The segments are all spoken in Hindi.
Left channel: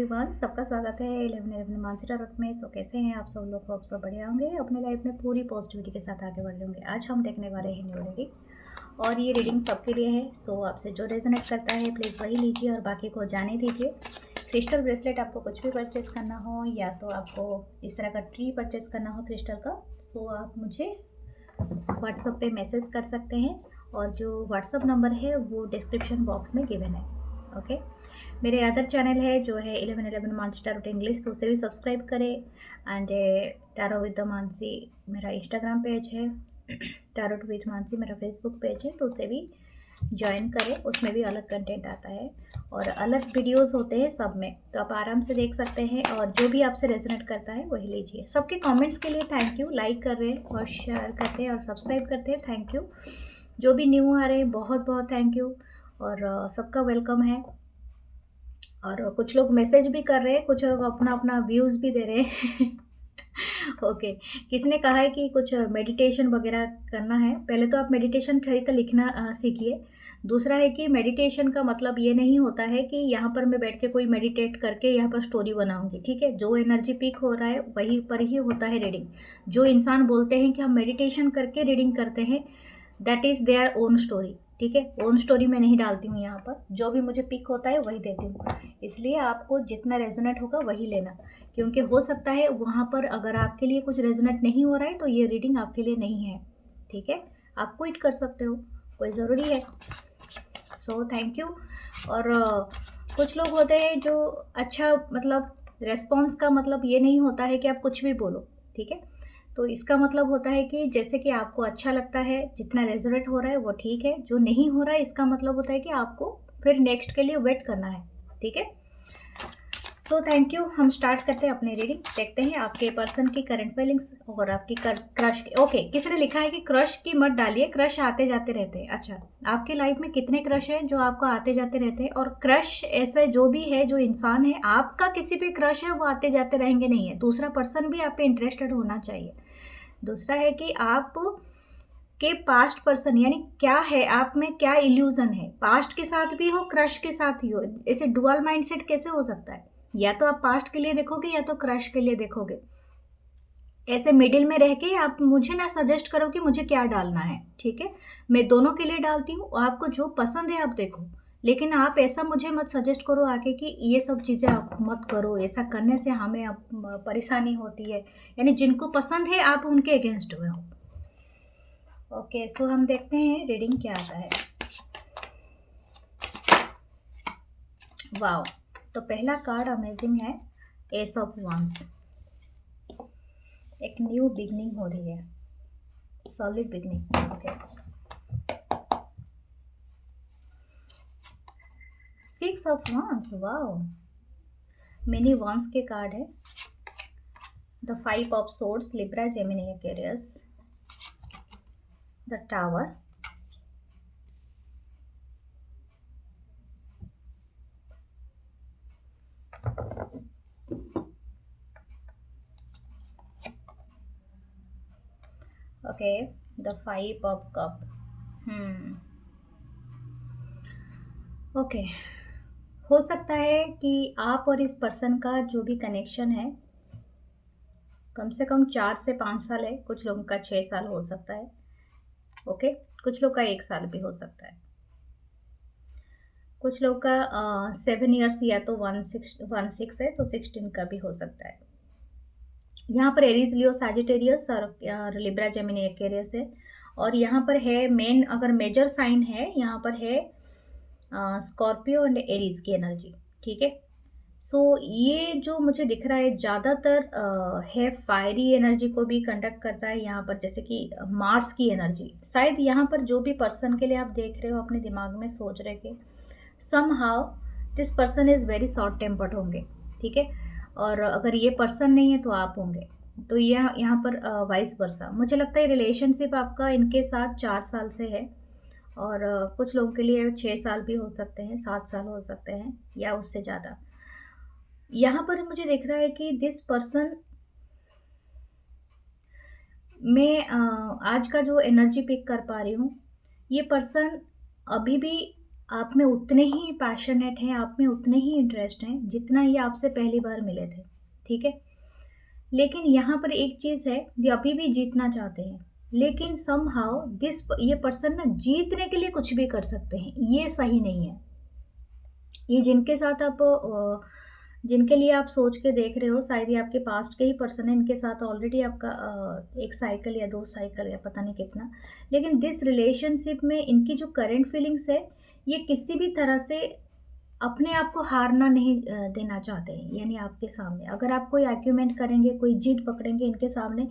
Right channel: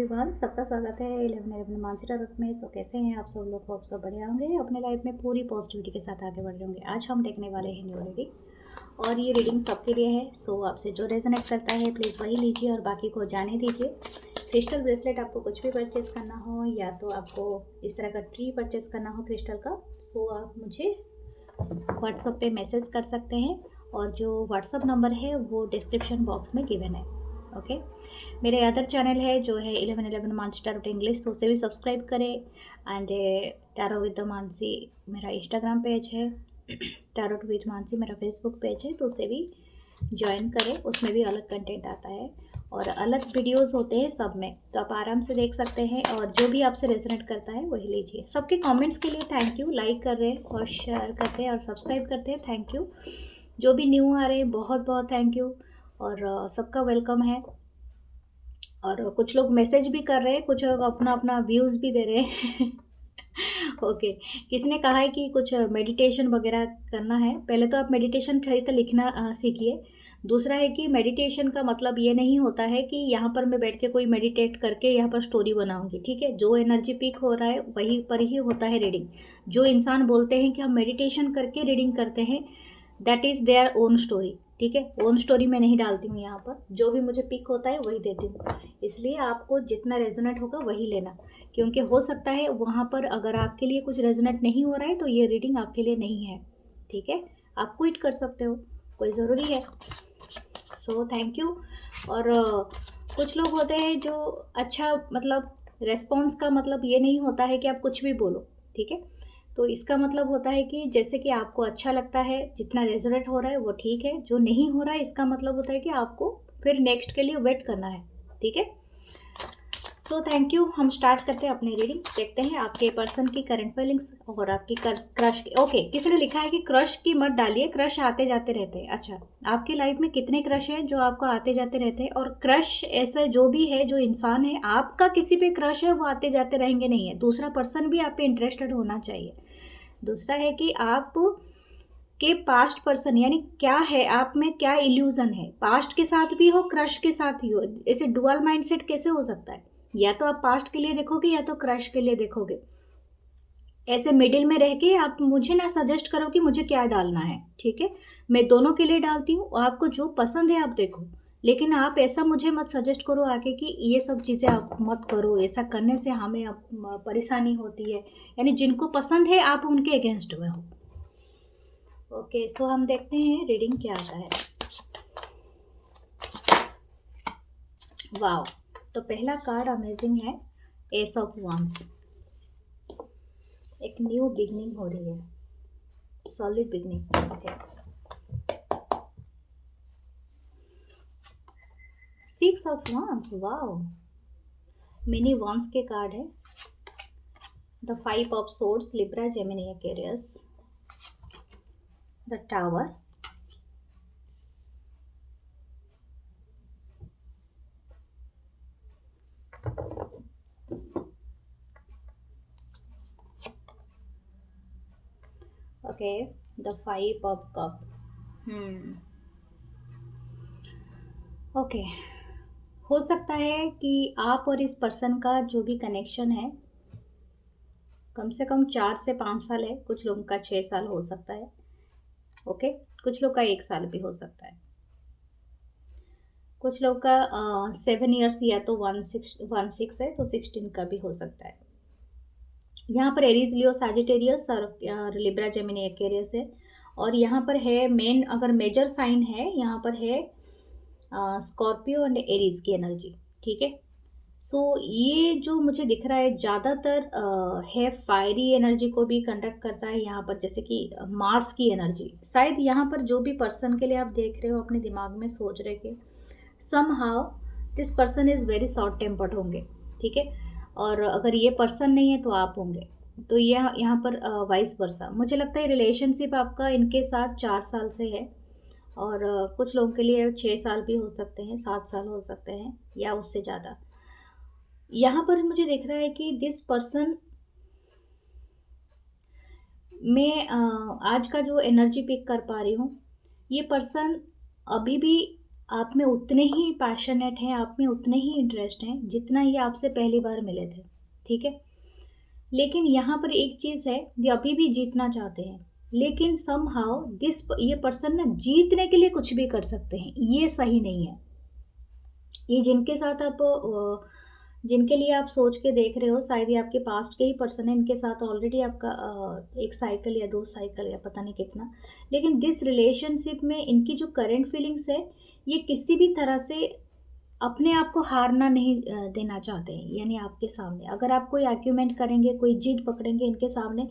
एवरीवन, सबका स्वागत है 11 मांझरा रूट में। सो कैसे हैं आप सब लोग? होप सब बढ़िया होंगे, अपने लाइफ में पूरी पॉजिटिविटी के साथ आगे बढ़ रहे होंगे। आज हम देखने वाले हैं न्यू रीडिंग और ये रीडिंग सबके लिए है। सो आपसे जो रेजोनेट करता है प्लीज़ वही लीजिए और बाकी को जाने दीजिए। क्रिस्टल ब्रेसलेट आपको कुछ भी परचेस करना हो या तो आपको इस तरह का ट्री परचेस करना हो क्रिस्टल का, सो आप मुझे व्हाट्सएप पे मैसेज कर सकते हैं और जो व्हाट्सएप नंबर है वो डिस्क्रिप्शन बॉक्स में गिवन है। ओके, मेरे अदर चैनल है जो है 11 मानसी टैरोट इंग्लिश, तो उसे भी सब्सक्राइब करें। एंड टैरो विद मानसी मेरा इंस्टाग्राम पेज है, टैरोट विद मानसी मेरा फेसबुक पेज है, तो उसे भी ज्वाइन करें। उसमें भी अलग कंटेंट आता है और अलग वीडियोस होते हैं सब में, तो आप आराम से देख सकते हैं और जो भी आपसे रेजोनेट करता है वही लीजिए। सबके कमेंट्स के लिए थैंक यू, लाइक कर रहे हैं और शेयर करते हैं और सब्सक्राइब करते हैं, थैंक यू। जो भी न्यू आ रहे हैं बहुत बहुत थैंक यू और सबका वेलकम है। और कुछ लोग मैसेज भी कर रहे हैं, कुछ लोग अपना अपना व्यूज़ भी दे रहे हैं ओके, किसने कहा है कि कुछ मेडिटेशन वगैरह करना है। पहले तो आप मेडिटेशन सही से लिखना सीखिए। दूसरा है कि मेडिटेशन का मतलब ये नहीं होता है कि यहाँ पर मैं बैठ के कोई मेडिटेट करके यहाँ पर स्टोरी बनाऊंगी, ठीक है। जो एनर्जी पिक हो रहा है वहीं पर ही होता है रीडिंग। जो इंसान बोलते हैं कि हम मेडिटेशन करके रीडिंग करते हैं, that is their own story, ठीक है। ओन स्टोरी मैं नहीं डालती हूँ यहाँ पर, जो भी मुझे पिक होता है वही देती हूँ। इसलिए आपको जितना रेजोनेट होगा वही लेना, क्योंकि हो सकता है वहाँ पर अगर आपके लिए कुछ रेजोनेट नहीं हो रहा है तो ये रीडिंग आपके लिए नहीं है, ठीक है। आप क्विट कर सकते हो, कोई ज़रूरी है। So thank you. और कुछ लोग होते हैं जो अच्छा मतलब रेस्पॉन्स का मतलब ये नहीं होता है कि आप कुछ भी बोलो, ठीक है। तो इसका मतलब होता है कि जैसे कि आपको अच्छा लगता है, जितना रेजोनेट हो रहा है वो ठीक है, जो नहीं हो रहा है इसका मतलब होता है कि आपको फिर नेक्स्ट के लिए वेट करना है, ठीक है। So thank you. हम स्टार्ट करते हैं अपनी रीडिंग, देखते हैं आपके पर्सन की करंट फीलिंग्स और आपकी क्रश की। ओके, किसी ने लिखा है कि क्रश की मत डालिए, क्रश आते जाते रहते हैं। अच्छा, आपकी लाइफ में कितने क्रश हैं जो आपको आते जाते रहते हैं? और क्रश ऐसे जो भी है, जो इंसान है आपका किसी पे क्रश है, वो आते जाते रहेंगे नहीं है। दूसरा पर्सन भी आप पे इंटरेस्टेड होना चाहिए। दूसरा है कि आप के पास्ट पर्सन यानी क्या है, आप में क्या इल्यूजन है, पास्ट के साथ भी हो क्रश के साथ ही हो। ऐसे डुअल माइंडसेट कैसे हो सकता है? या तो आप पास्ट के लिए देखोगे या तो क्रश के लिए देखोगे। ऐसे मिडिल में रह के आप मुझे ना सजेस्ट करो कि मुझे क्या डालना है, ठीक है। मैं दोनों के लिए डालती हूँ, आपको जो पसंद है आप देखो, लेकिन आप ऐसा मुझे मत सजेस्ट करो आके कि ये सब चीज़ें आप मत करो, ऐसा करने से हमें परेशानी होती है। यानी जिनको पसंद है आप उनके अगेंस्ट में हो। ओके, सो हम देखते हैं रीडिंग क्या आता है। वाओ, तो पहला कार्ड अमेजिंग है, एस ऑफ वांस। एक न्यू बिगनिंग हो रही है, सॉलिड बिगनिंग। ओके, 6 ऑफ वांस। वाओ, मिनी वांस के कार्ड है। The 5 of swords, Libra, Gemini, Aquarius, the tower, okay, the 5 of cup. Okay, हो सकता है कि आप और इस पर्सन का जो भी कनेक्शन है कम से कम 4 से 5 साल है। कुछ लोगों का 6 साल हो सकता है, ओके। कुछ लोग का 1 साल भी हो सकता है। कुछ लोग का 7 ईयर्स या तो 1 6 है, तो 16 का भी हो सकता है। यहाँ पर एरीज, लियो, साजिटेरियस और लिब्रा, जेमिनी, एक्वेरियस है। और यहाँ पर है मेन, अगर मेजर साइन है यहाँ पर है स्कॉर्पियो एंड एरीज की एनर्जी, ठीक है। सो ये जो मुझे दिख रहा है ज़्यादातर है फायरी एनर्जी को भी कंडक्ट करता है यहाँ पर, जैसे कि मार्स की एनर्जी। शायद यहाँ पर जो भी पर्सन के लिए आप देख रहे हो अपने दिमाग में सोच रहे कि somehow this person is very short tempered होंगे, ठीक है। और अगर ये पर्सन नहीं है तो आप होंगे। तो यहाँ पर वाइस वर्सा मुझे लगता है रिलेशनशिप आपका इनके साथ 4 साल से है और कुछ लोगों के लिए 6 साल भी हो सकते हैं, 7 साल हो सकते हैं या उससे ज़्यादा। यहाँ पर मुझे दिख रहा है कि दिस पर्सन मैं आज का जो एनर्जी पिक कर पा रही हूँ, ये पर्सन अभी भी आप में उतने ही पैशनेट हैं, आप में उतने ही इंटरेस्ट हैं जितना ये आपसे पहली बार मिले थे, ठीक है। लेकिन यहाँ पर एक चीज़ है, ये अभी भी जीतना चाहते हैं, लेकिन समहाउ ये पर्सन ना जीतने के लिए कुछ भी कर सकते हैं, ये सही नहीं है। ये जिनके साथ आप जिनके लिए आप सोच के देख रहे हो, शायद ये आपके पास्ट के ही पर्सन है, इनके साथ ऑलरेडी आपका एक साइकिल या 2 साइकिल या पता नहीं कितना। लेकिन दिस रिलेशनशिप में इनकी जो करंट फीलिंग्स है, ये किसी भी तरह से अपने आप को हारना नहीं देना चाहते हैं। यानी आपके सामने अगर आप कोई आर्ग्यूमेंट करेंगे, कोई जिद पकड़ेंगे इनके सामने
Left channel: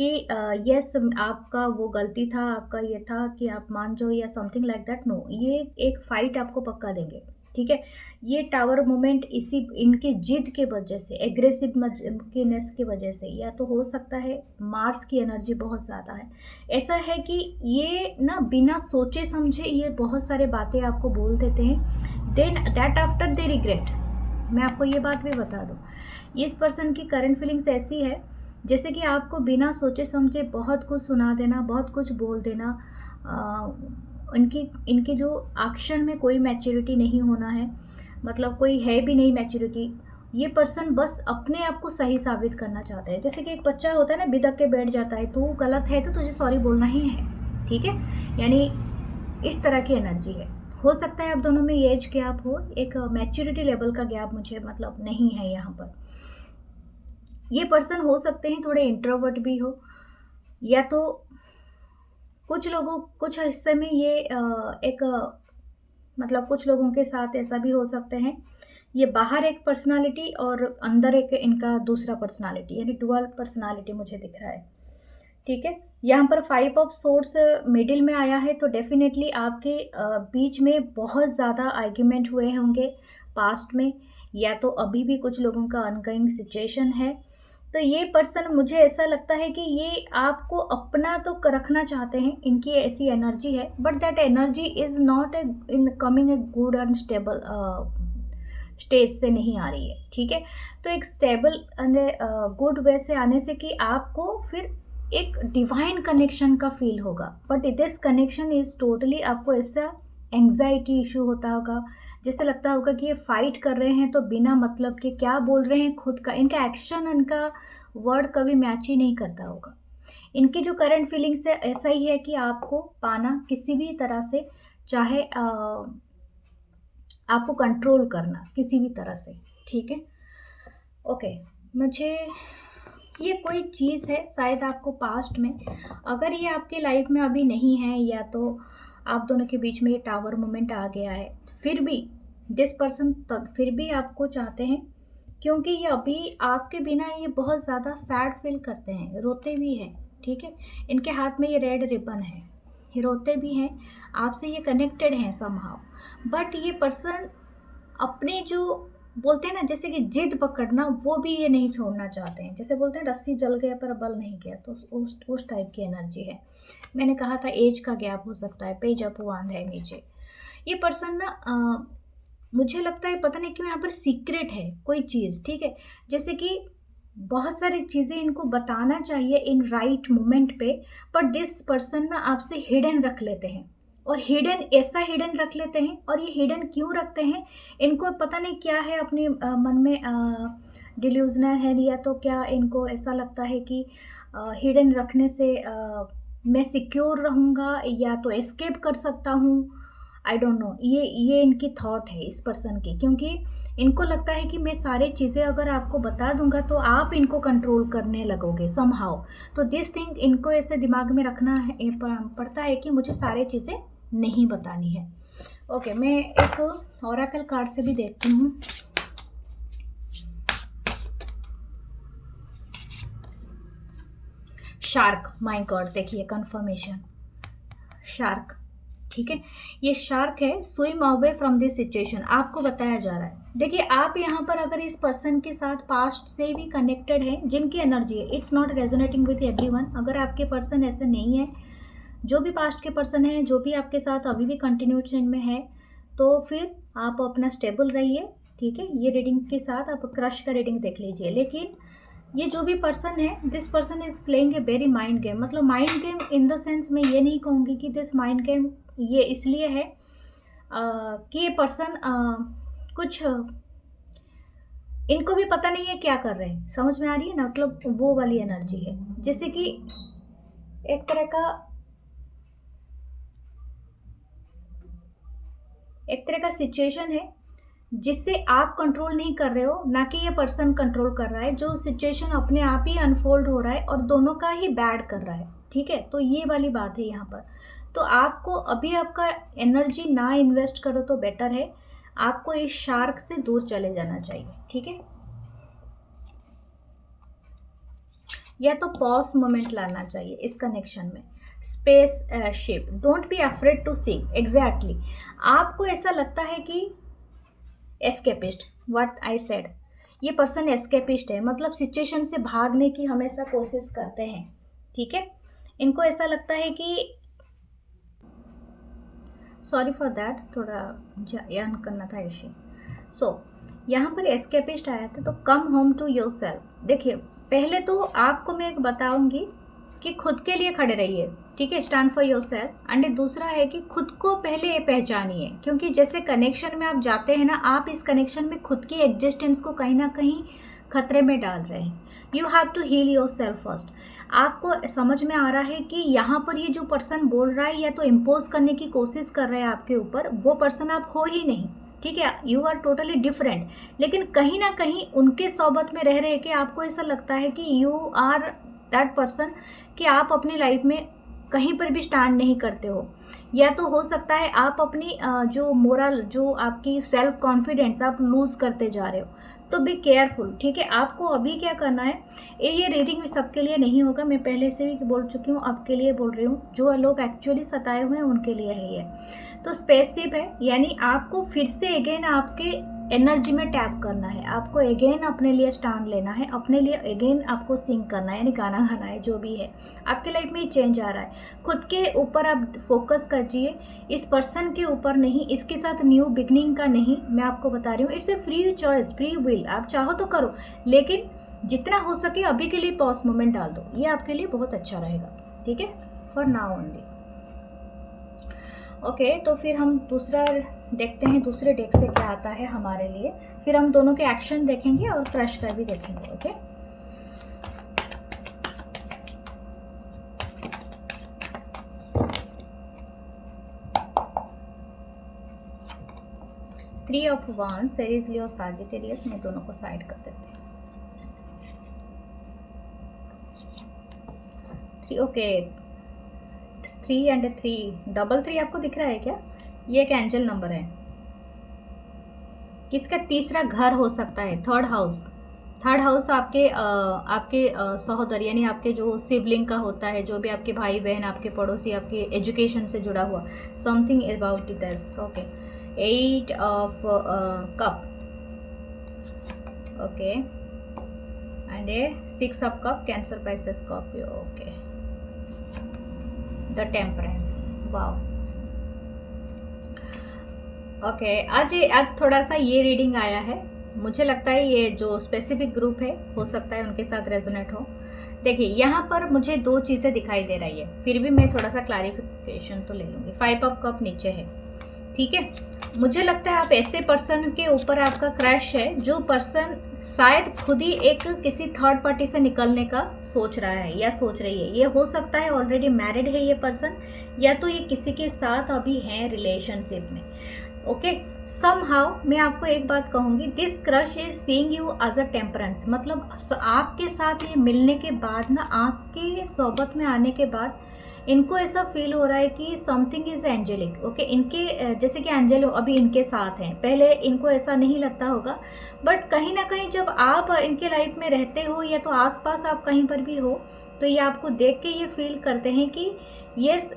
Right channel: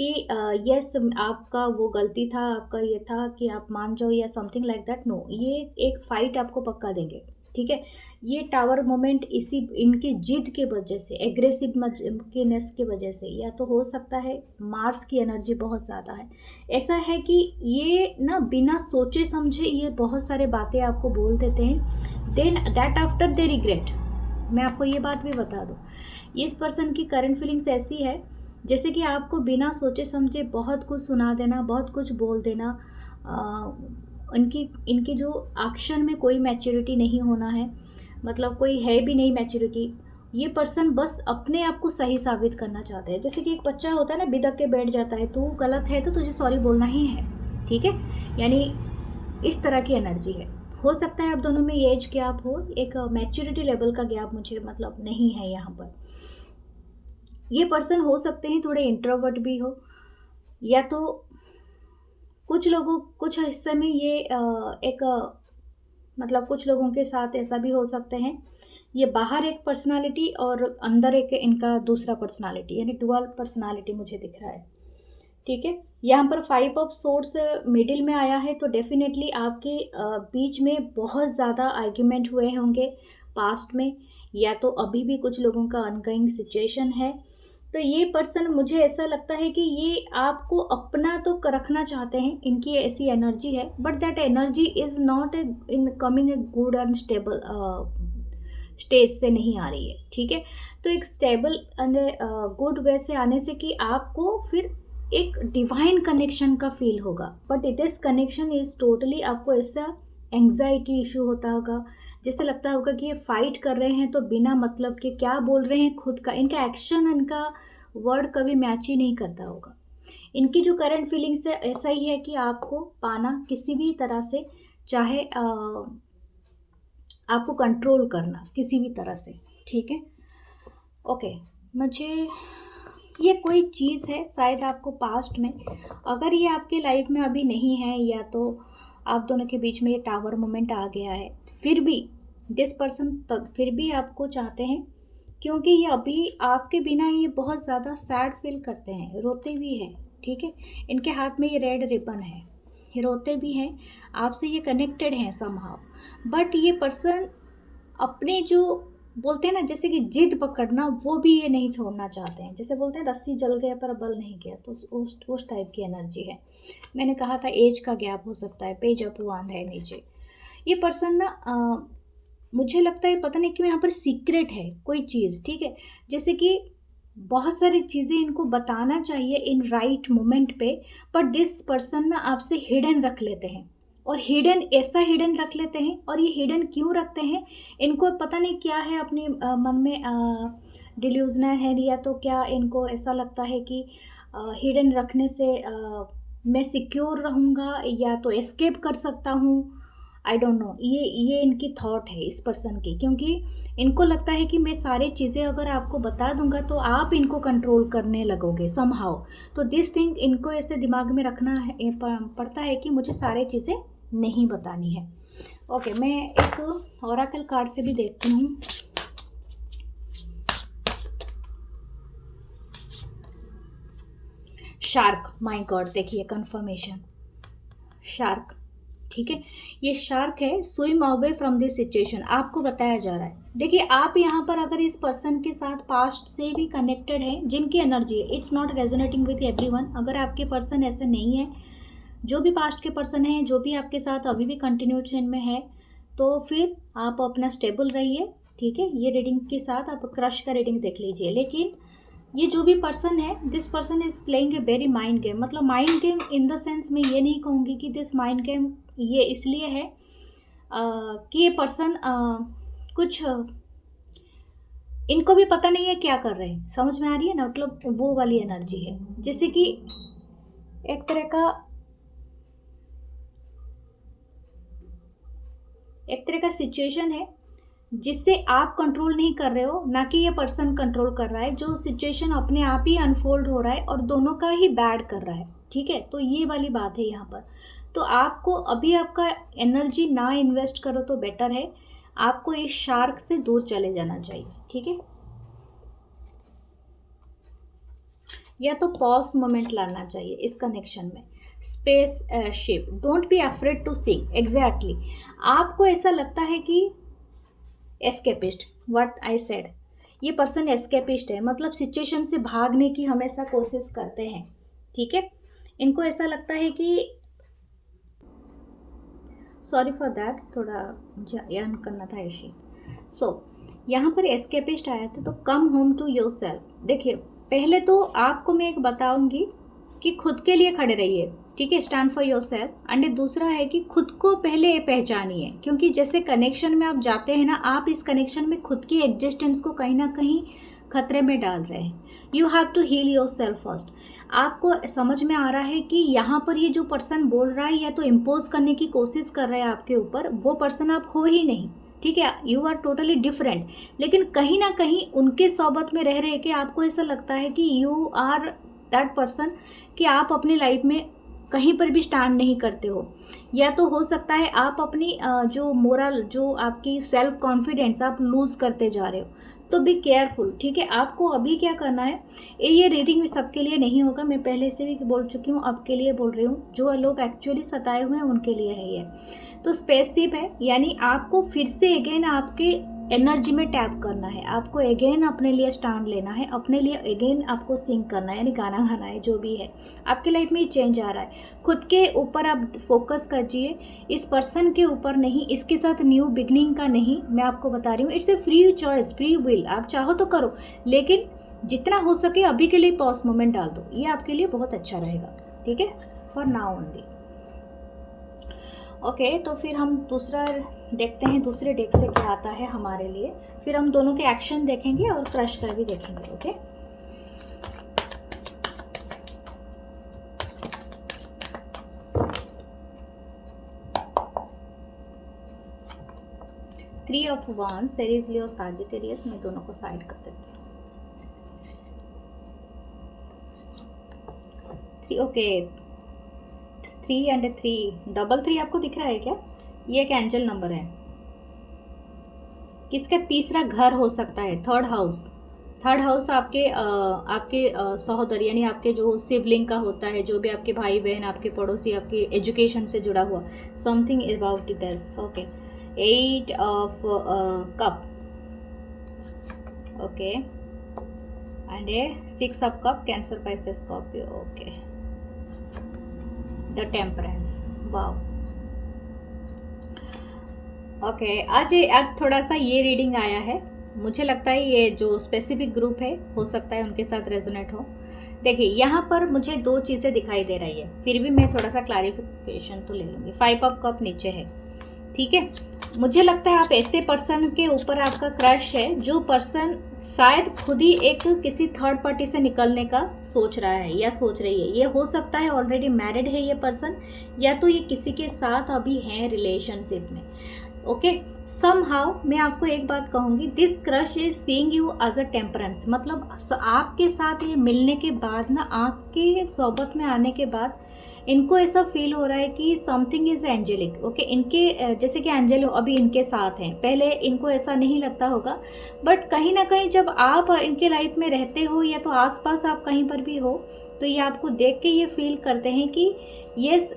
कि यस आपका वो गलती था, आपका ये था कि आप मान जाओ या समथिंग लाइक दैट, नो, ये एक फाइट आपको पक्का देंगे, ठीक है। ये टावर मोमेंट इसी इनकी जिद के वजह से, एग्रेसिवनेस की वजह से, या तो हो सकता है मार्स की एनर्जी बहुत ज़्यादा है। ऐसा है कि ये ना बिना सोचे समझे ये बहुत सारे बातें आपको बोल देते हैं, then that after they regret. मैं आपको ये बात भी बता दूँ, इस पर्सन की करंट फीलिंग्स ऐसी है जैसे कि आपको बिना सोचे समझे बहुत कुछ सुना देना, बहुत कुछ बोल देना। इनकी जो एक्शन में कोई मैच्योरिटी नहीं होना है, मतलब कोई है भी नहीं मैच्योरिटी। ये पर्सन बस अपने आप को सही साबित करना चाहता है। जैसे कि एक बच्चा होता है ना, बिदक के बैठ जाता है, तू गलत है तो तुझे सॉरी बोलना ही है, ठीक है। यानी इस तरह की एनर्जी है। हो सकता है आप दोनों में एज गैप हो, एक मैच्योरिटी लेवल का गैप मुझे मतलब नहीं है यहाँ पर। ये पर्सन हो सकते हैं थोड़े इंट्रोवर्ट भी हो, या तो कुछ हिस्से में ये मतलब कुछ लोगों के साथ ऐसा भी हो सकते हैं, ये बाहर एक पर्सनालिटी और अंदर एक इनका दूसरा पर्सनालिटी, यानी डुअल पर्सनालिटी मुझे दिख रहा है, ठीक है। यहाँ पर 5 ऑफ सोर्स मिडिल में आया है, तो डेफिनेटली आपके बीच में बहुत ज़्यादा आर्ग्यूमेंट हुए होंगे पास्ट में, या तो अभी भी कुछ लोगों का अनगोइंग सिचुएशन है। तो ये पर्सन, मुझे ऐसा लगता है कि ये आपको अपना तो रखना चाहते हैं, इनकी ऐसी एनर्जी है, but that energy is not in coming a good and stable stage से नहीं आ रही है, ठीक है। तो एक स्टेबल एंड गुड वे से आने से कि आपको फिर एक डिवाइन कनेक्शन का फील होगा, but this connection is totally आपको ऐसा एंग्जाइटी इशू होता होगा, जैसे लगता होगा कि ये फाइट कर रहे हैं तो बिना मतलब के क्या बोल रहे हैं, खुद का इनका एक्शन, इनका वर्ड कभी मैच ही नहीं करता होगा। इनकी जो करंट फीलिंग्स है ऐसा ही है कि आपको पाना किसी भी तरह से, चाहे आपको कंट्रोल करना किसी भी तरह से, ठीक है। ओके, मुझे ये कोई चीज़ है शायद आपको पास्ट में, अगर ये आपके लाइफ में अभी नहीं है, या तो आप दोनों के बीच में ये टावर मोमेंट आ गया है, फिर भी दिस पर्सन फिर भी आपको चाहते हैं, क्योंकि ये अभी आपके बिना ये बहुत ज़्यादा सैड फील करते हैं, रोते भी हैं, ठीक है। इनके हाथ में ये रेड रिबन है, ये रोते भी हैं, आपसे ये कनेक्टेड हैं समहाउ, बट ये पर्सन अपने जो बोलते हैं ना, जैसे कि जिद पकड़ना, वो भी ये नहीं छोड़ना चाहते हैं। जैसे बोलते हैं रस्सी जल गया पर बल नहीं गया, तो उस टाइप की एनर्जी है। मैंने कहा था एज का गैप हो सकता है, पेज अप वन है नीचे। ये पर्सन ना मुझे लगता है पता नहीं क्यों यहाँ पर सीक्रेट है कोई चीज़, ठीक है। जैसे कि बहुत सारी चीज़ें इनको बताना चाहिए इन राइट मोमेंट पे, पर दिस पर्सन ना आपसे हिडन रख लेते हैं, और हिडन ऐसा हिडन रख लेते हैं। और ये हिडन क्यों रखते हैं, इनको पता नहीं क्या है अपने मन में, डिल्यूजनल है, या तो क्या इनको ऐसा लगता है कि हिडन रखने से मैं सिक्योर रहूँगा या तो एस्केप कर सकता हूँ, आई डोंट नो। ये इनकी थॉट है इस पर्सन की, क्योंकि इनको लगता है कि मैं सारी चीज़ें अगर आपको बता दूंगा तो आप इनको कंट्रोल करने लगोगे समहाउ। तो दिस थिंग इनको ऐसे दिमाग में रखना है, पड़ता है कि मुझे सारी चीज़ें नहीं बतानी है। ओके, मैं एक ओरेकल कार्ड से भी देखती हूँ। शार्क, माय गॉड, देखिए कंफर्मेशन, शार्क, ठीक है। ये शार्क है, swim away from this situation, आपको बताया जा रहा है। देखिए आप यहाँ पर अगर इस पर्सन के साथ पास्ट से भी कनेक्टेड हैं, जिनकी एनर्जी है, it's not resonating with everyone. अगर आपके पर्सन ऐसे नहीं है, जो भी पास्ट के पर्सन हैं, जो भी आपके साथ अभी भी कंटिन्यूशन में है, तो फिर आप अपना स्टेबल रहिए, ठीक है। ये रीडिंग के साथ आप क्रश का रीडिंग देख लीजिए। लेकिन ये जो भी पर्सन है, this person is playing a very mind game. मतलब mind game in the sense मैं ये नहीं कहूँगी कि दिस माइंड गेम ये इसलिए है कि ये पर्सन कुछ इनको भी पता नहीं है क्या कर रहे हैं, समझ में आ रही है ना, मतलब वो वाली एनर्जी है। जैसे कि एक तरह का सिचुएशन है जिससे आप कंट्रोल नहीं कर रहे हो, ना कि ये पर्सन कंट्रोल कर रहा है, जो सिचुएशन अपने आप ही अनफोल्ड हो रहा है और दोनों का ही बैड कर रहा है। ठीक है, तो ये वाली बात है यहाँ पर। तो आपको अभी आपका एनर्जी ना इन्वेस्ट करो तो बेटर है, आपको इस शार्क से दूर चले जाना चाहिए। ठीक है, या तो पॉज मोमेंट लाना चाहिए इस कनेक्शन में। Spaceship, don't be afraid to seek. Exactly, आपको ऐसा लगता है कि एस्केपिस्ट, व्हाट आई सेड, ये पर्सन एस्केपिस्ट है, मतलब सिचुएशन से भागने की हमेशा कोशिश करते हैं। ठीक है, इनको ऐसा लगता है कि, सॉरी फॉर दैट, थोड़ा यान करना था ऐसे। सो यहाँ पर एस्केपिस्ट आया था, तो come home to yourself. देखिए, पहले तो आपको मैं एक बताऊंगी कि खुद के लिए खड़े रहिए। ठीक है, stand for your self. And दूसरा है कि खुद को पहले पहचानिए, क्योंकि जैसे कनेक्शन में आप जाते हैं ना, आप इस कनेक्शन में खुद की एग्जिस्टेंस को कहीं ना कहीं खतरे में डाल रहे हैं। You have to heal yourself first. आपको समझ में आ रहा है कि यहाँ पर ये जो पर्सन बोल रहा है या तो इम्पोज करने की कोशिश कर रहा है आपके ऊपर, वो पर्सन आप हो ही नहीं। ठीक है, यू आर टोटली डिफरेंट। लेकिन कहीं ना कहीं उनके सोबत में रह रहे कि आपको ऐसा लगता है कि यू आर दैट पर्सन, कि आप अपनी लाइफ में कहीं पर भी स्टैंड नहीं करते हो। या तो हो सकता है आप अपनी जो मोरल, जो आपकी सेल्फ कॉन्फिडेंस आप लूज़ करते जा रहे हो। तो बी केयरफुल। ठीक है, आपको अभी क्या करना है, ये रीडिंग सबके लिए नहीं होगा, मैं पहले से भी बोल चुकी हूँ, आपके लिए बोल रही हूँ। जो लोग एक्चुअली सताए हुए हैं उनके लिए है ये। तो स्पेसशिप है, यानी आपको फिर से अगेन आपके एनर्जी में टैप करना है, आपको अगेन अपने लिए स्टैंड लेना है, अपने लिए अगेन आपको सिंग करना है, यानी गाना गाना है। जो भी है आपकी लाइफ में चेंज आ रहा है, खुद के ऊपर आप फोकस कीजिए, इस पर्सन के ऊपर नहीं, इसके साथ न्यू बिगनिंग का नहीं। मैं आपको बता रही हूँ, it's a free choice, free will, आप चाहो तो करो, लेकिन जितना हो सके अभी के लिए पॉज मोमेंट डाल दो, ये आपके लिए बहुत अच्छा रहेगा। ठीक है, फॉर नाउ ओनली। ओके, तो फिर हम दूसरा देखते हैं, दूसरे डेक से क्या आता है हमारे लिए। फिर हम दोनों के एक्शन देखेंगे और क्रश का भी देखेंगे। Okay, three of wands, Aries, Leo, Sagittarius. मैं दोनों को साइड कर देते हैं। थ्री, ओके, 3 एंड 3, डबल 3 आपको दिख रहा है क्या? ये एक एंजल नंबर है, किसका तीसरा घर हो सकता है, थर्ड हाउस। थर्ड हाउस आपके सहोदर, यानी आपके जो सिबलिंग का होता है, जो भी आपके भाई बहन, आपके पड़ोसी, आपके एजुकेशन से जुड़ा हुआ, something about this. Okay, 8 of cup, okay, and A 6 of cup, cancer, Pisces, Scorpio. Okay, the temperance, wow. Okay, आज थोड़ा सा ये रीडिंग आया है, मुझे लगता है ये जो स्पेसिफिक ग्रुप है हो सकता है उनके साथ रेजोनेट हो। देखिए, यहाँ पर मुझे दो चीज़ें दिखाई दे रही है, फिर भी मैं थोड़ा सा क्लैरिफिकेशन तो ले लूँगी। 5 ऑफ कप नीचे है। ठीक है, मुझे लगता है आप ऐसे पर्सन के ऊपर आपका क्रश है, जो पर्सन शायद खुद ही एक किसी थर्ड पार्टी से निकलने का सोच रहा है या सोच रही है। ये हो सकता है ऑलरेडी मैरिड है ये पर्सन, या तो ये किसी के साथ अभी है रिलेशनशिप में। ओके, समहाउ मैं आपको एक बात कहूँगी, this crush is seeing you as a temperance. मतलब आपके साथ ये मिलने के बाद ना, आपके सोबत में आने के बाद इनको ऐसा फील हो रहा है कि समथिंग इज एंजेलिक। ओके, इनके जैसे कि एंजल अभी इनके साथ हैं, पहले इनको ऐसा नहीं लगता होगा, बट कहीं ना कहीं जब आप इनके लाइफ में रहते हो या तो आसपास आप कहीं पर भी हो, तो ये आपको देख के ये फील करते हैं कि यस,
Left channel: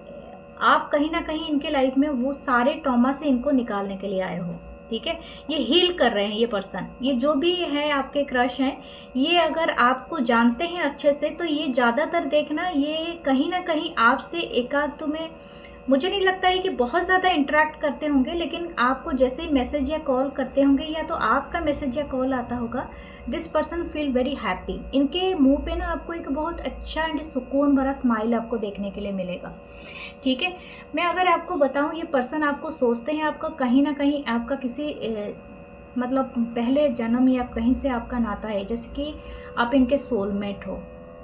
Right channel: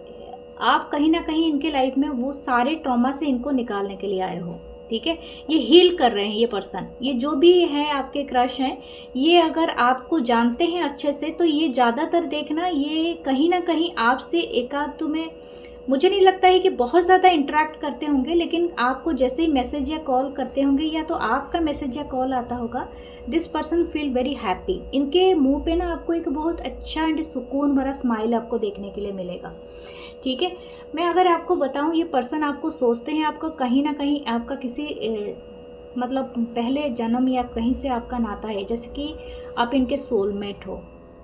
आप कहीं ना कहीं इनके लाइफ में वो सारे ट्रॉमा से इनको निकालने के लिए आए हो। ठीक है, ये हील कर रहे हैं ये पर्सन। ये जो भी है आपके क्रश हैं, ये अगर आपको जानते हैं अच्छे से, तो ये ज़्यादातर देखना, ये कहीं ना कहीं आपसे एकांत में मुझे नहीं लगता है कि बहुत ज़्यादा इंटरेक्ट करते होंगे, लेकिन आपको जैसे ही मैसेज या कॉल करते होंगे या तो आपका मैसेज या कॉल आता होगा, this person feel very happy. इनके मुंह पे ना आपको एक बहुत अच्छा एंड सुकून भरा स्माइल आपको देखने के लिए मिलेगा। ठीक है, मैं अगर आपको बताऊं, ये पर्सन आपको सोचते हैं आपका कहीं ना कहीं आपका किसी मतलब पहले जन्म या कहीं से आपका नाता है, जैसे कि आप इनके सोलमेट हो।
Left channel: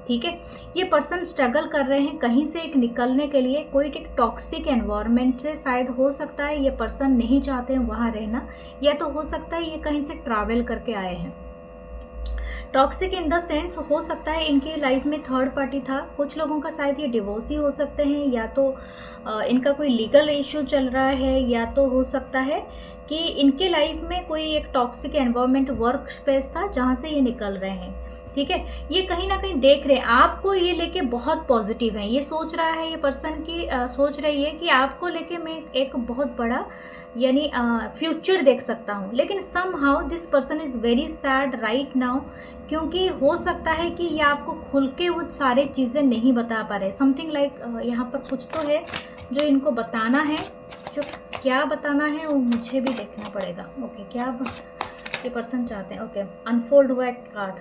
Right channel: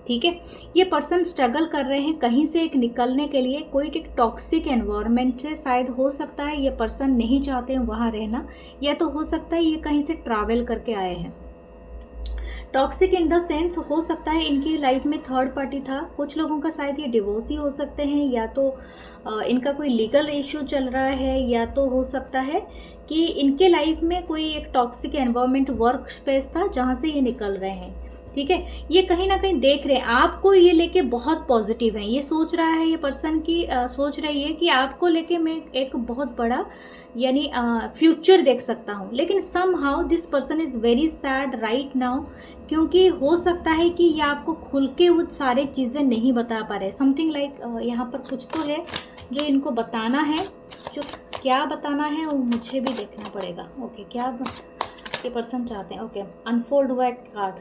ठीक है, ये पर्सन स्ट्रगल कर रहे हैं कहीं से एक निकलने के लिए, कोई एक टॉक्सिक एनवायरनमेंट से शायद हो सकता है ये पर्सन नहीं चाहते हैं वहाँ रहना, या तो हो सकता है ये कहीं से ट्रैवल करके आए हैं। टॉक्सिक इन द सेंस हो सकता है इनकी लाइफ में थर्ड पार्टी था, कुछ लोगों का शायद ये डिवोर्स ही हो सकते हैं, या तो इनका कोई लीगल इशू चल रहा है, या तो हो सकता है कि इनके लाइफ में कोई एक टॉक्सिक एनवायरनमेंट वर्क स्पेस था जहाँ से ये निकल रहे हैं। ठीक है, ये कहीं ना कहीं देख रहे हैं आपको, ये लेके बहुत पॉजिटिव है, ये सोच रहा है, ये पर्सन की सोच रही है कि आपको लेके मैं एक बहुत बड़ा यानी फ्यूचर देख सकता हूँ। लेकिन somehow this person is very sad right now, क्योंकि हो सकता है कि ये आपको खुल के वो सारे चीज़ें नहीं बता पा रहे। समथिंग लाइक यहाँ पर कुछ तो है जो इनको बताना है, जो क्या बताना है वो मुझे भी देखना पड़ेगा। ओके, क्या ये पर्सन चाहते हैं? ओके, अनफोल्ड हुआ एक कार्ड,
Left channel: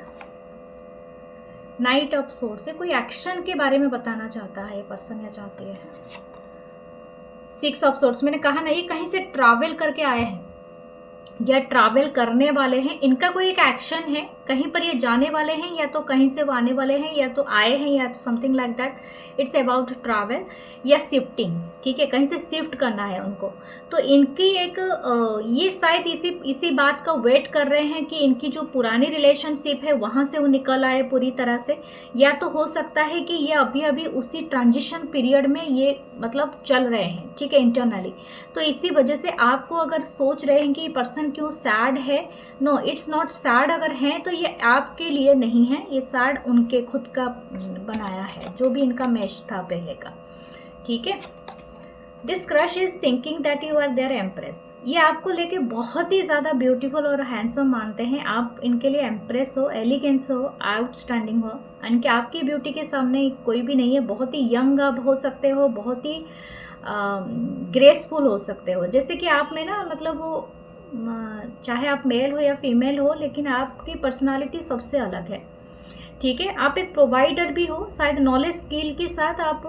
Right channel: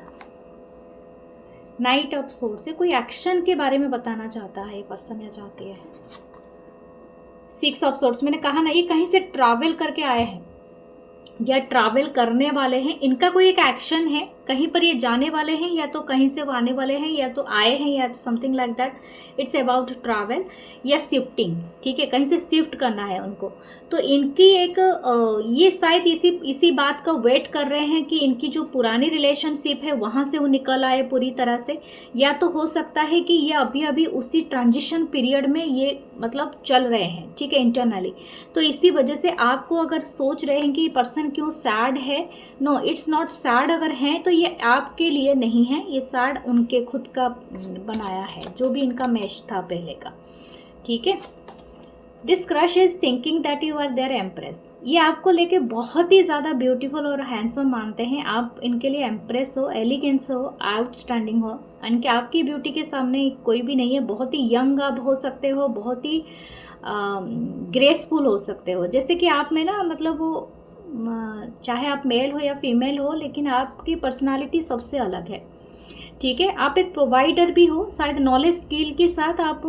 नाइट ऑफ सोर्ड्स से कोई एक्शन के बारे में बताना चाहता है ये पर्सन या चाहती है। सिक्स ऑफ सोर्ड्स, मैंने कहा ना ये कहीं से ट्रैवल करके आए हैं या ट्रैवल करने वाले हैं, इनका कोई एक एक्शन है, कहीं पर ये जाने वाले हैं, या तो कहीं से वो आने वाले हैं, या तो आए हैं, या तो something like that. It's about travel या शिफ्टिंग। ठीक है, कहीं से शिफ्ट करना है उनको, तो इनकी एक ये शायद इसी बात का वेट कर रहे हैं कि इनकी जो पुरानी रिलेशनशिप है वहाँ से वो निकल आए पूरी तरह से, या तो हो सकता है कि ये अभी अभी उसी ट्रांजिशन पीरियड में ये मतलब चल रहे हैं। ठीक है, इंटरनली, तो इसी वजह से आपको अगर सोच रहे हैं कि पर्सन क्यों सैड है, नो इट्स नॉट सैड। अगर हैं तो ये आपके लिए नहीं है, ये सैड उनके खुद का बनाया है, जो भी इनका मैच था पहले का। ठीक है, this crush is thinking that you are their empress. ये आपको लेके बहुत ही ज़्यादा ब्यूटीफुल और हैंडसम मानते हैं, आप इनके लिए एम्प्रेस हो, एलिगेंस हो, आउटस्टैंडिंग हो, इनके आपकी ब्यूटी के सामने कोई भी नहीं है। बहुत ही यंग आप हो सकते हो, बहुत ही ग्रेसफुल हो सकते हो, जैसे कि आप में ना मतलब वो चाहे आप मेल हो या फीमेल हो, लेकिन आपकी पर्सनालिटी सबसे अलग है। ठीक है, आप एक प्रोवाइडर भी हो, शायद नॉलेज स्किल के साथ आप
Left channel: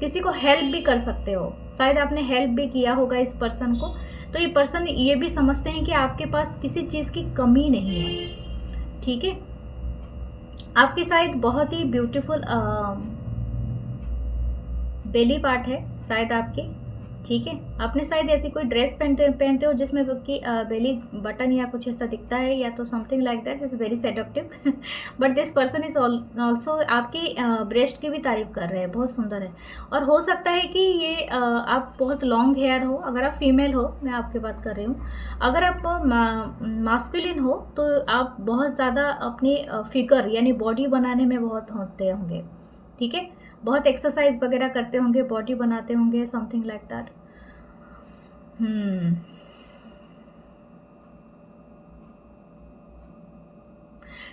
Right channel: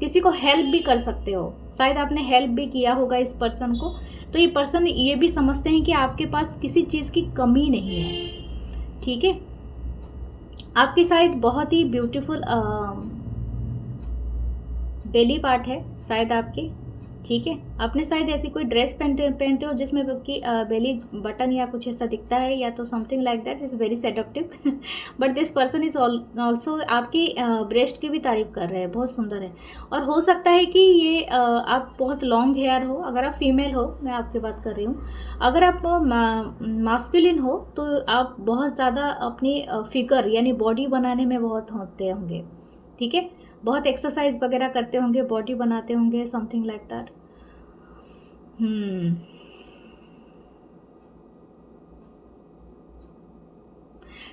किसी को हेल्प भी कर सकते हो, शायद आपने हेल्प भी किया होगा इस पर्सन को। तो ये पर्सन ये भी समझते हैं कि आपके पास किसी चीज़ की कमी नहीं है। ठीक है, आपकी शायद बहुत ही ब्यूटीफुल बेली पार्ट है शायद आपकी। ठीक है, आपने शायद ऐसी कोई ड्रेस पहनते हो जिसमें कि बेली बटन या कुछ ऐसा दिखता है, या तो something like that is very seductive. But this person is also आपकी ब्रेस्ट की भी तारीफ कर रहे हैं, बहुत सुंदर है। और हो सकता है कि ये आप बहुत लॉन्ग हेयर हो, अगर आप फीमेल हो, मैं आपकी बात कर रही हूँ। अगर आप मास्कुलिन हो तो आप बहुत ज़्यादा अपनी फिगर यानी बॉडी बनाने में बहुत होते होंगे। ठीक है, बहुत एक्सरसाइज वगैरह करते होंगे, बॉडी बनाते होंगे, समथिंग लाइक दैट।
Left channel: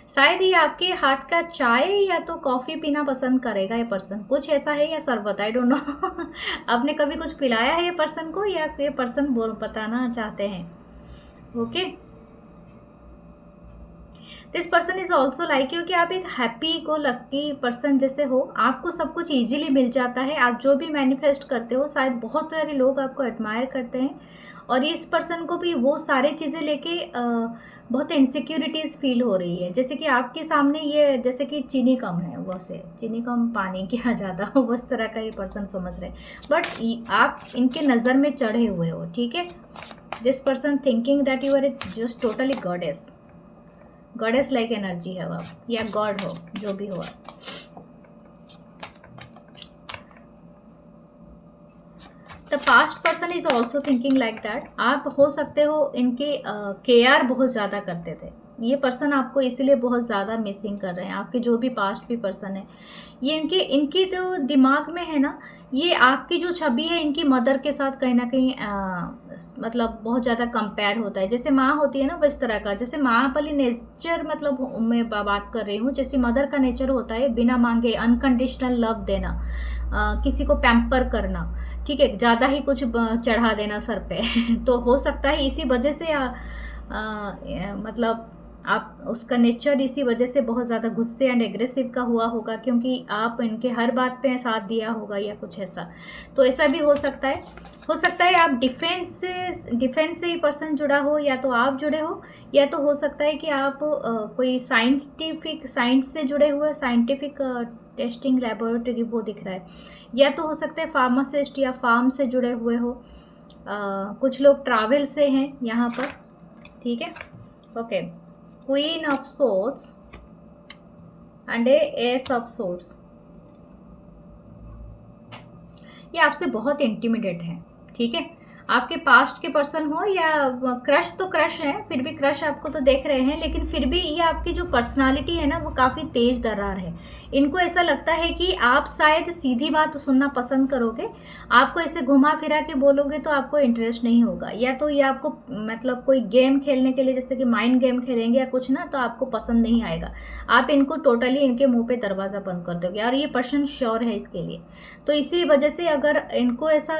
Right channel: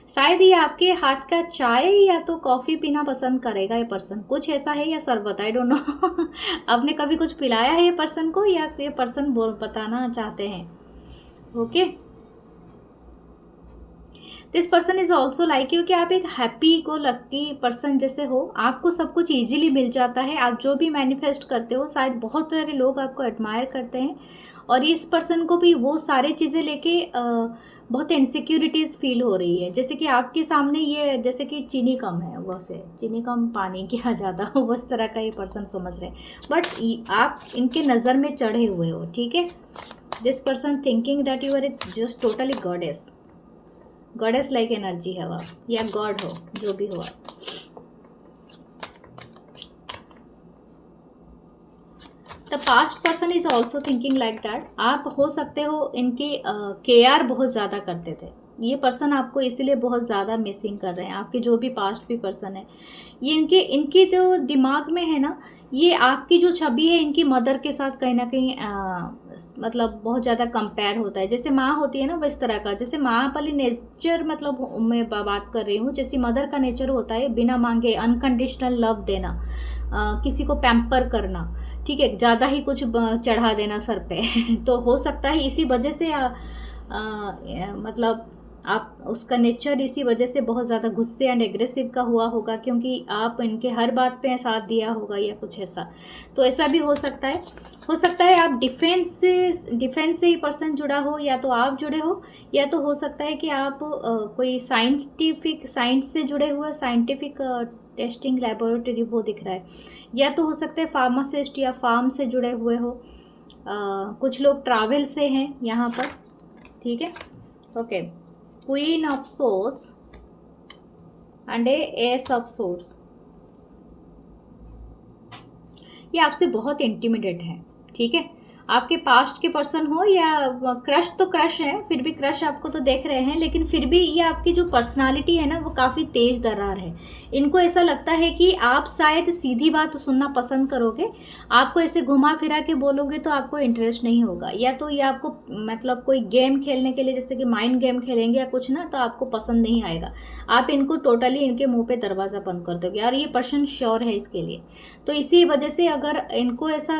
शायद ये आपके हाथ का चाय या तो कॉफ़ी पीना पसंद करेगा ये पर्सन, कुछ ऐसा है, या शरबत, आई डोंट नो। आपने कभी कुछ पिलाया है ये पर्सन को, या ये पर्सन बताना चाहते हैं? Okay, this person is also like you, कि आप एक हैप्पी को लकी पर्सन जैसे हो, आपको सब कुछ ईजिली मिल जाता है, आप जो भी मैनिफेस्ट करते हो, शायद बहुत सारे लोग आपको एडमायर करते हैं। और इस पर्सन को भी वो सारे चीज़ें लेके बहुत इनसिक्योरिटीज़ फील हो रही है, जैसे कि आपके सामने ये जैसे कि चीनी कम है, वो से चीनी कम पानी क्या ज़्यादा हो, उस तरह का ये पर्सन समझ रहे हैं। बट आप इनके नज़र में चढ़े हुए हो। ठीक है, this person thinking that you are just totally goddess, goddess like energy है आप, या गॉड हो, जो भी हो। The past person is also thinking like that, आप हो सकते हो इनके केयर बहुत ज़्यादा करते थे, ये पर्सन आपको इसीलिए बहुत ज़्यादा मिसिंग कर रहे हैं। आपके जो भी पास्ट भी पर्सन है, ये इनके तो दिमाग में है ना, ये आपकी जो छवि है इनकी मदर के साथ कहीं ना कहीं मतलब बहुत ज़्यादा कंपेयर होता है। जैसे माँ होती है ना, वो इस तरह का, जैसे माँ वाली नेचर मतलब मैं बात कर रही हूँ, जैसे मदर का नेचर होता है बिना मांगे अनकंडीशनल लव देना, किसी को पैम्पर करना, ठीक है, ज़्यादा ही कुछ चढ़ा देना सर पे तो हो सकता है इसी वजह से मतलब आप उसका नेचर इसी वजह से बहुत ज़्यादा गुस्से एंड एग्रेसिव का हुआ होगा, क्योंकि आप इनके हर बात पे साथ दिया होगा या कुछ ऐसा, तो ऐसा भी हो सकता है। हो सकता है आप डिफेंस से ही पर्सन जुड़ा हो, या तो आप जुड़े हो, या तो हो सकता है कि आप कोई साइंस से जुड़े हुए, साइंटिफिक टेस्टिंग लेबोरेटरी वो दिख रहा है, या तो हो सकता है फार्मासिस्ट या फार्म से जुड़े हुए हो। कुछ लोग ट्रैवल से हैं यहाँ पर, ठीक है। Okay, queen of swords and S of swords, ये आपसे बहुत इंटिमिडेट है, ठीक है। आपके पास्ट के पर्सन हो या क्रश, तो क्रश है, फिर भी क्रश आपको तो देख रहे हैं, लेकिन फिर भी ये आपकी जो पर्सनालिटी है ना वो काफ़ी तेज दरार है। इनको ऐसा लगता है कि आप शायद सीधी बात सुनना पसंद करोगे, आपको ऐसे घुमा फिरा के बोलोगे तो आपको इंटरेस्ट नहीं होगा, या तो ये आपको मतलब कोई गेम खेलने के लिए जैसे कि माइंड गेम खेलेंगे या कुछ ना, तो आपको पसंद नहीं आएगा। आप इनको टोटली इनके मुँह पर दरवाज़ा बंद कर दोगे, और ये पर्सन श्योर है इसके लिए। तो इसी वजह से अगर इनको ऐसा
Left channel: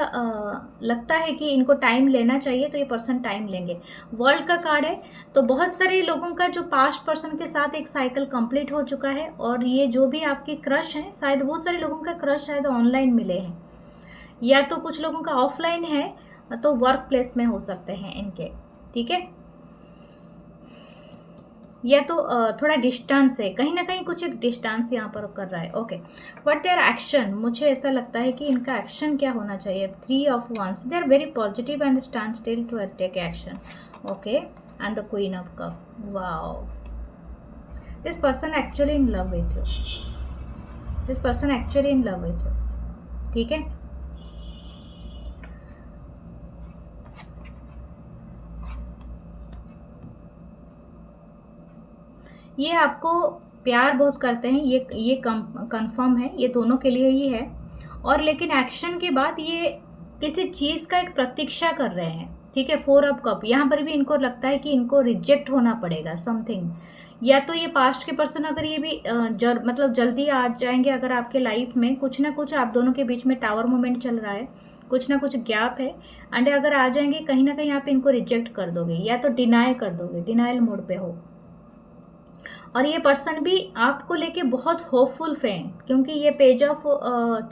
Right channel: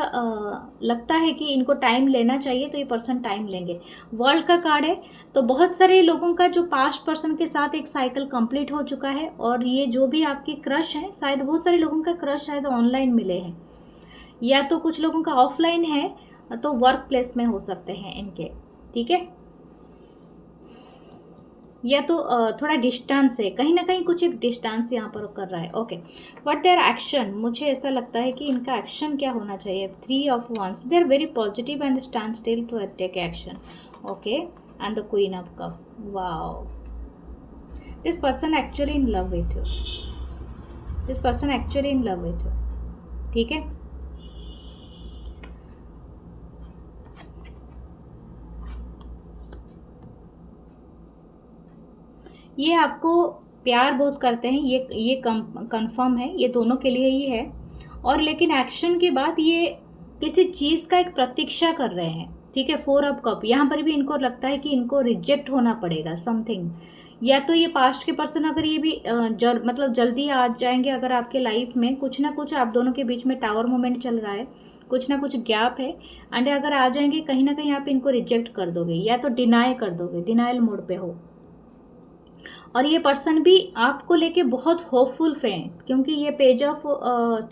लगता है कि इनको टाइम लेना चाहिए, तो ये पर्सन टाइम लेंगे। वर्ल्ड का कार्ड है, तो बहुत सारे लोगों का जो पास्ट पर्सन के साथ एक साइकिल कंप्लीट हो चुका है, और ये जो भी आपके क्रश हैं, शायद बहुत सारे लोगों का क्रश शायद ऑनलाइन मिले हैं, या तो कुछ लोगों का ऑफलाइन है, तो वर्क प्लेस में हो सकते हैं इनके, ठीक है, या तो थोड़ा डिस्टेंस है, कहीं ना कहीं कुछ एक डिस्टेंस यहाँ पर कर रहा है। ओके, व्हाट देयर एक्शन, मुझे ऐसा लगता है कि इनका एक्शन क्या होना चाहिए। 3 of wands, they are very positive and stand still to take action. Okay, and the queen of cup, wow, this person actually in love with you, this person actually in love with you, ठीक है। ये आपको प्यार बहुत करते हैं, ये कंफर्म है, ये दोनों के लिए ही है। और लेकिन एक्शन के बाद ये किसी चीज़ का एक प्रतीक्षा कर रहे हैं, ठीक है। 4 ऑफ कप, यहाँ पर भी इनको लगता है कि इनको रिजेक्ट होना पड़ेगा समथिंग, या तो ये पास्ट के पर्सन अगर ये भी मतलब जल्दी आ जाएंगे अगर आपके लाइफ में, कुछ ना कुछ आप दोनों के बीच में टावर मोमेंट चल रहा है, कुछ ना कुछ गैप है, एंड अगर आ जाएंगे कहीं ना कहीं आप इनको रिजेक्ट कर दोगे, या तो डिनाई कर दोगे, डिनाइल मोड पे हो। और ये पर्सन भी आपको लेके बहुत होपफुल है, क्योंकि ये पेज ऑफ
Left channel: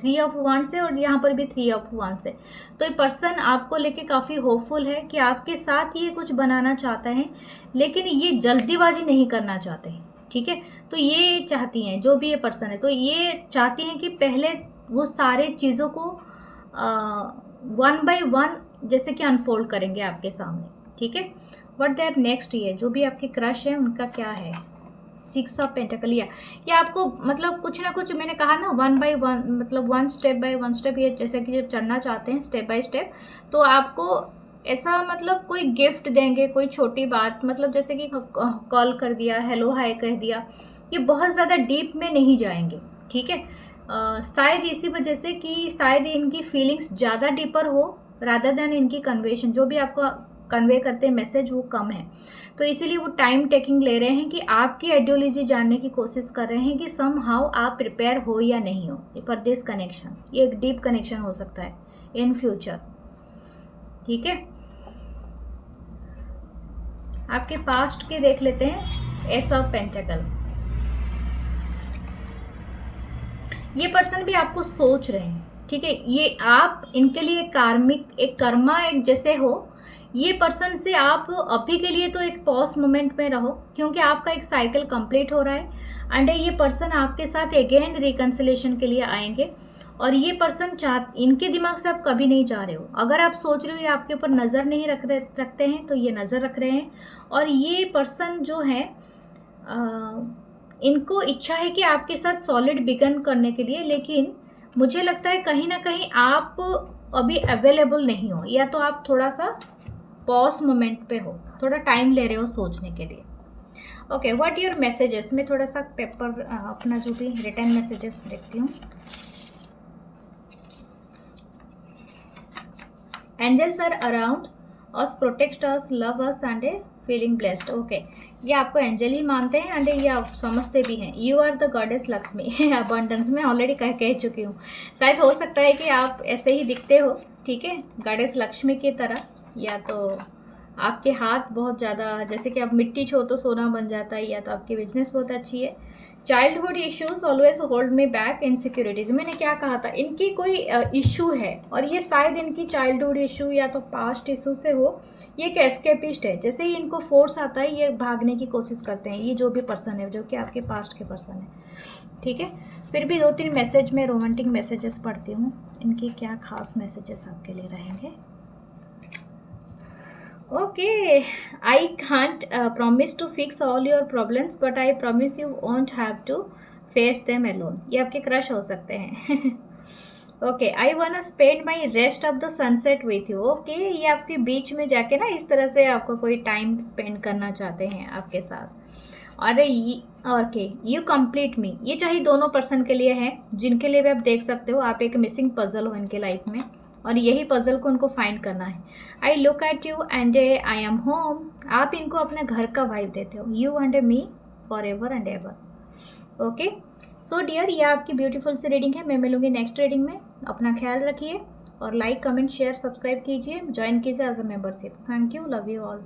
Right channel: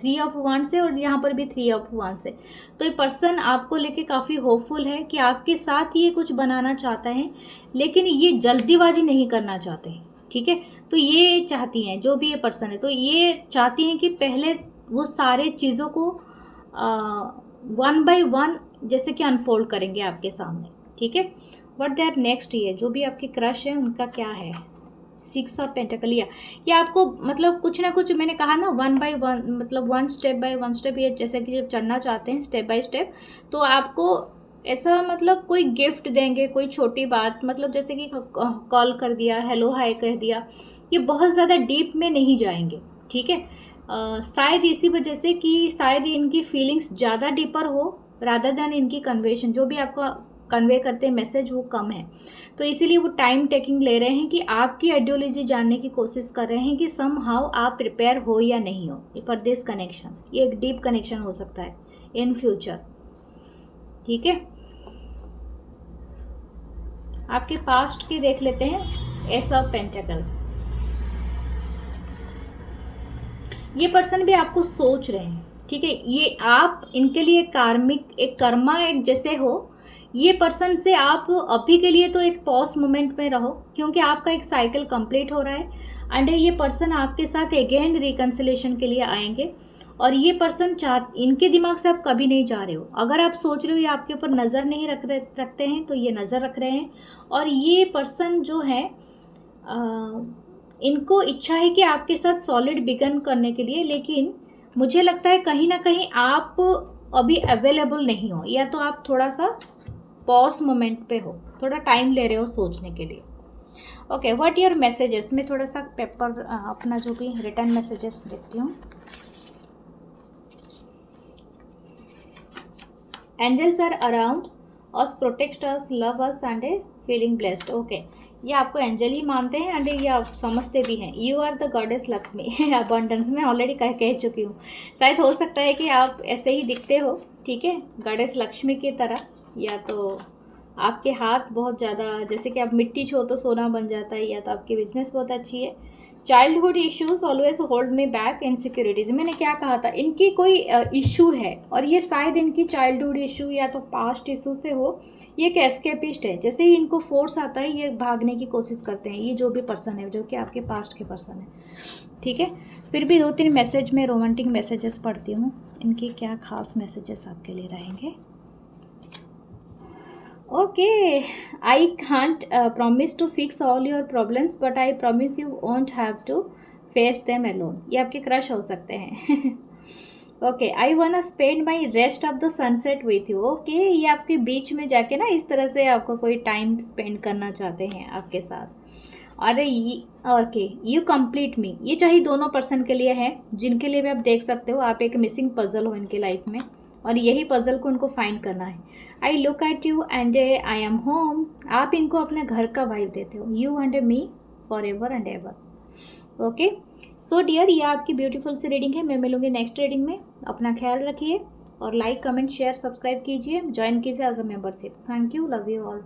3 ऑफ wands है, और यहाँ पर भी 3 ऑफ wands है, तो ये पर्सन आपको लेके काफ़ी होपफुल है कि आपके साथ ये कुछ बनाना चाहता है, लेकिन ये जल्दीबाजी नहीं करना चाहते हैं, ठीक है। तो ये चाहती हैं, जो भी ये पर्सन है, तो ये चाहती हैं कि पहले वो सारे चीज़ों को 1 by 1 जैसे कि अनफोल्ड करेंगे आपके सामने, ठीक है। बट देयर नेक्स्ट, ये जो भी आपकी क्रश है उनका क्या है। 6 ऑफ पेंटिकल, ये आपको मतलब कुछ ना कुछ, मैंने कहा ना 1 by 1, मतलब 1 स्टेप बाय 1 स्टेप, ये जैसे कि जब चढ़ना चाहते हैं स्टेप बाय स्टेप, तो आपको ऐसा मतलब कोई गिफ्ट देंगे, कोई छोटी बात, मतलब जैसे कि कॉल कर दिया, हेलो हाय कह दिया, ये बहुत ज़्यादा डीप में नहीं जाएंगे, ठीक है। शायद इसी वजह से कि शायद इनकी फीलिंग्स ज़्यादा डीपर हो रादर देन इनकी कन्वेशन, जो भी आपको कन्वे करते हैं मैसेज वो कम है, तो इसीलिए वो टाइम टेकिंग ले रहे हैं कि आपकी आइडियोलॉजी जानने की कोशिश कर रहे हैं कि सम हाउ आप प्रिपेयर हो या नहीं हो फॉर दिस कनेक्शन। ये एक डीप कनेक्शन हो सकता है इन फ्यूचर, ठीक है। आपके पास्ट के देख लेते हैं। एस ऑफ पेंटिकल, ये पर्सन भी आपको सोच रहे हैं, ठीक है। ये आप इनके लिए कार्मिक, एक कर्मा एक जैसे हो। ये पर्सन से आप अभी के लिए तो एक पॉज मोमेंट में रहो, क्योंकि आपका एक साइकिल कंप्लीट हो रहा है, एंड ये पर्सन आपके साथ अगेन रिकन्सिलेशन के लिए आएंगे। और ये पर्सन इनके दिमाग से आप कभी नहीं जा रहे हो, अगर आप सोच रहे हो ये आपके ऊपर नज़र नहीं रखते हैं, तो ये नज़र रख रहे हैं। और ये पर्सन जो है इनको इच्छा है कि आपके साथ सॉलिड बिगन करने के लिए, लेकिन मुझे लगता है कहीं ना कहीं आप अभी अवेलेबल नहीं हो, या तो आप थोड़ा सा पॉज मोमेंट पे हो, थोड़ा टाइम ले रहे हो सोचने के लिए। ओके, व्हाट योर मैसेजेस, मैं थोड़ा सा पेपर अपना जो भी रिटर्न मैसेजेस देखती हूँ। Angels are around us, protect us, love us and a feeling blessed. Okay, ये आपको एंजल ही मानते हैं एंड ये आप समझते भी हैं। You are the goddess Lakshmi abundance में ऑलरेडी कह चुकी हूँ। शायद हो सकता है कि आप ऐसे ही दिखते हो, ठीक है, गॉडेस लक्ष्मी की तरह, या तो आपके हाथ बहुत ज़्यादा, जैसे कि आप मिट्टी छो तो सोना बन जाता है, या तो आपकी बिजनेस बहुत अच्छी है। Childhood issues always hold me back, insecurities, मैंने क्या कहा था, इनकी कोई इशू है और ये शायद इनकी चाइल्डहुड इशू या तो पास्ट इशू से हो। ये एक एस्केपिस्ट है, जैसे ही इनको फोर्स आता है ये भागने की कोशिश करते हैं, ये जो भी पर्सन है, जो कि आपके पास्ट के पर्सन है, ठीक है। फिर भी 2-3 मैसेज में रोमांटिक मैसेजेस पढ़ती हूँ, इनकी क्या खास मैसेजेस आपके लिए रहेंगे। Okay, I can't promise to fix all your problems, but I promise you won't have to face them alone. ये आपके क्रश हो सकते हैं। ओके, आई वाना spend my rest of the sunset with you. Okay, ये आपके बीच में जाके ना इस तरह से आपको कोई टाइम स्पेंड करना चाहते हैं आपके साथ। और ये ओके, यू कंप्लीट मी, ये चाहे दोनों पर्सन के लिए है, जिनके लिए भी आप देख सकते हो आप एक मिसिंग पजल हो इनके लाइफ में, और यही पजल को उनको फाइंड करना है। I look at you and I am home, आप इनको अपने घर का वाइब देते हो। You and me for ever and ever. Okay so dear, ये आपकी ब्यूटीफुल सी रीडिंग है। मैं मिलूंगी नेक्स्ट रीडिंग में। अपना ख्याल रखिए और लाइक कमेंट शेयर सब्सक्राइब कीजिए, ज्वाइन कीजिए as a membership. Thank you, love you all.